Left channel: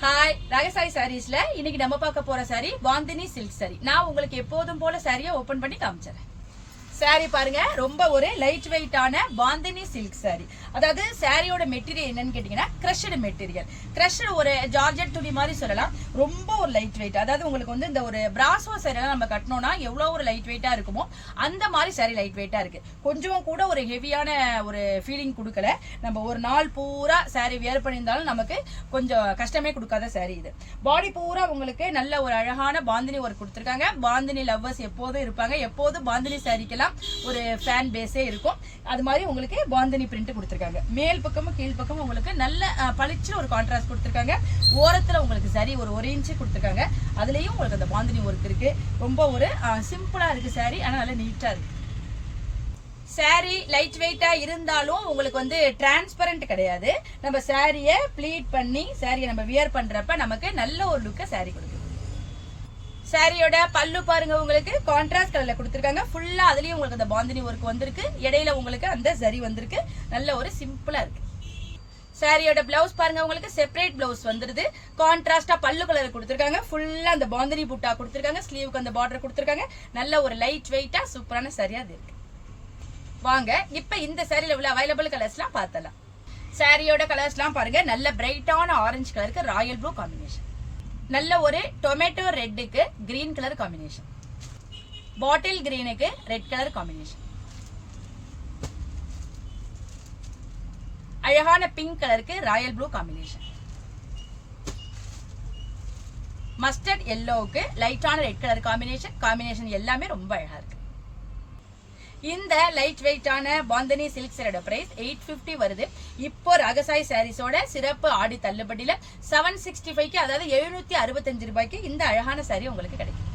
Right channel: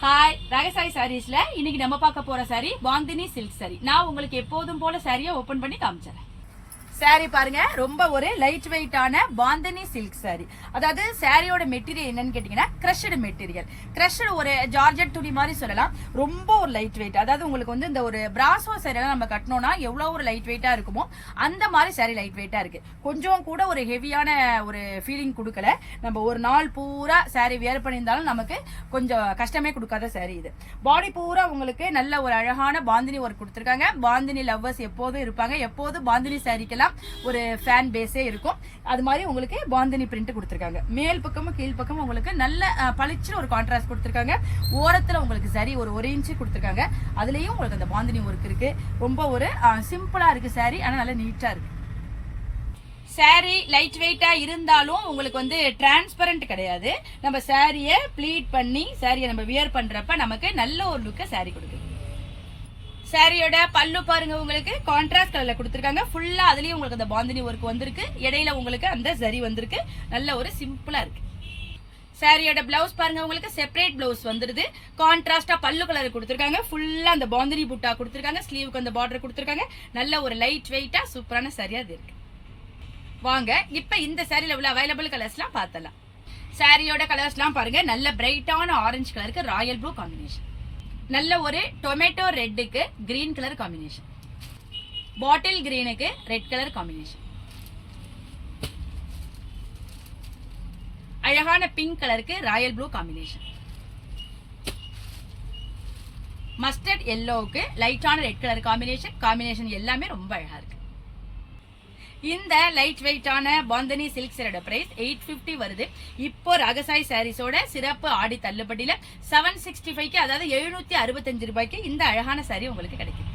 Hi, ராகசாய் சாரீஸ்ல இன்னைக்கு நம்ம பார்க்க போற சாரி பாந்தினி சில்க் சாரி. நான் உங்களுக்கு எப்போதும் போல சாரியை ஓபன் பண்ணி காமிச்சறேன். சாரி பாருங்க, ரொம்ப ஒரு லைட் வெயிட்டான பாந்தினி சில்க் சாரி. அதாவது சாரியோட மெட்டீரியல் என்னன்னு கேட்டீங்கன்னா கிரஷ்டு மெட்டீரியல். கிரஷ்டு ஒரு ஜார்ஜெட் துணி மாதிரி சொல்லலாம். ரொம்ப ஒரு லைட் வெயிட். அதாவது உங்களுக்கு வந்து இந்த ஒரு பிராசோ சாரி எல்லாம் நம்ம கட்டணும்னா எவ்வளவு ஒரு லைட் வெயிட்டா இருக்குமோ அந்த மாதிரி சாரி லைட் வெயிட்டா இருக்கு. கொஞ்சம் கூட ஒரு ஹெவியான ஒரு ஃபீலிங் கொடுக்கல. நம்ம ஒரு நாள் பூரா சாரி வியர் பண்ணியிருந்தாலும் நமக்கு கொஞ்சம் கஷ்டமே கொடுக்காத சாரி இது. பாடி பூரா உங்களுக்கு நல்ல ஒரு அழகான பாந்தினி ஒர்க் கொடுத்துருக்காங்க. பாந்தினி லவ்வர்ஸ் எப்போதும் இருப்பாங்க. எப்போதும் பாந்தினி சாரிக்கெல்லாம் ஒரு ஃபேன் பேஸே இருக்கும். அது மாதிரி உங்களுக்கு பாந்தினி பிரிண்ட் கொடுத்துருக்காங்க. மேல் பக்கமும் கீழ் பக்கமும் உங்களுக்கு நல்ல பளிச்சு ஒரு கான்ட்ராஸ்ட் கொடுத்துருக்காங்க. ஓரத்துல உங்களுக்கு சரி ஒரு இன்ச்சு கொடுத்துருக்காங்க. அதுலயும் உங்களுக்கு அந்த பாந்தினி ஒர்க் இருக்கு. ரொம்ப ஒரு சிம்பிளா இருக்கு சாரி, ஆனா நல்லா நீட்டா இருக்கு. சாரி லைட் வெயிட்டா இருந்தாலும் உங்களுக்கு வந்து டிரான்ஸ்பரண்ட் கிடையாது. நம்ம சாரியை ப்ளீட் பண்ணி சாரியை நம்ம வியர் பண்றப்ப நமக்கு நல்ல ஒரு லுக்க சாரி கொடுக்குது. சாரியோட பல்லு பாருங்க, உங்களுக்கு கான்ட்ராஸ்ட் கலர்ல கொடுத்துருக்காங்க. ஃபுல்லா அதுலயும் உங்களுக்கு அந்த பாந்தினி ஒர்க் வந்திருக்கு. இடையில உங்களுக்கு அந்த சரி வந்திருக்கு. நல்ல ஒரு சிம்பிளா இருக்கு. சாரியோட பிளவுஸ் பாருங்க, உங்களுக்கு செப்பரேட் பிளவுஸ் வந்துருது. கான்ட்ராஸ்டா பல்லு கலர் கொடுத்துருக்காங்க. ஃபுல்லா அந்த பாந்தினி புட்டா கொடுத்துருக்காங்க. ஸ்லீவுக்கு அந்த பார்டர் கொடுத்துருக்காங்க. நல்ல ஒரு லைட் வெயிட்டா சூப்பரான சாரியா இருக்கு. வாங்க இப்ப இந்த சாரியில உள்ள அவைலபிள் கலர்ஸ்லாம் பார்த்தலாம். சாரியோட கலர்ஸ்லாம் பாருங்க, நல்ல பிரைட்டான ஆரஞ்சு கலருக்கு ராயல் ப்ளூ காம்பினேஷன். நல்ல ஒரு டொமேட்டோ ரெட்டுக்கு கிரீன் கலர் காம்பினேஷன். பாட்டில் கிரீனுக்கு ரெட் கலர் காம்பினேஷன். அழகான பிங்க் கலருக்கு ராயல் ப்ளூ காம்பினேஷன். மஸ்டர்ட் எல்லோவுக்கு லைட்டான ரெட் கலர் காம்பினேஷன் எல்லாமே ரொம்ப அழகா இருக்கு. இந்த லைட் வெயிட்டான பாந்தினி சில்க் சாரியோட பிரைஸ் 850 வருது. இப்போ ராகசாய் சாரீஸோட சிறப்பு ஆடி தள்ளுபடியில 765க்கு, அதாவது 765 ரூபாய்க்கு இந்த அழகான சாரி உங்களுக்கு கிடைக்கும்.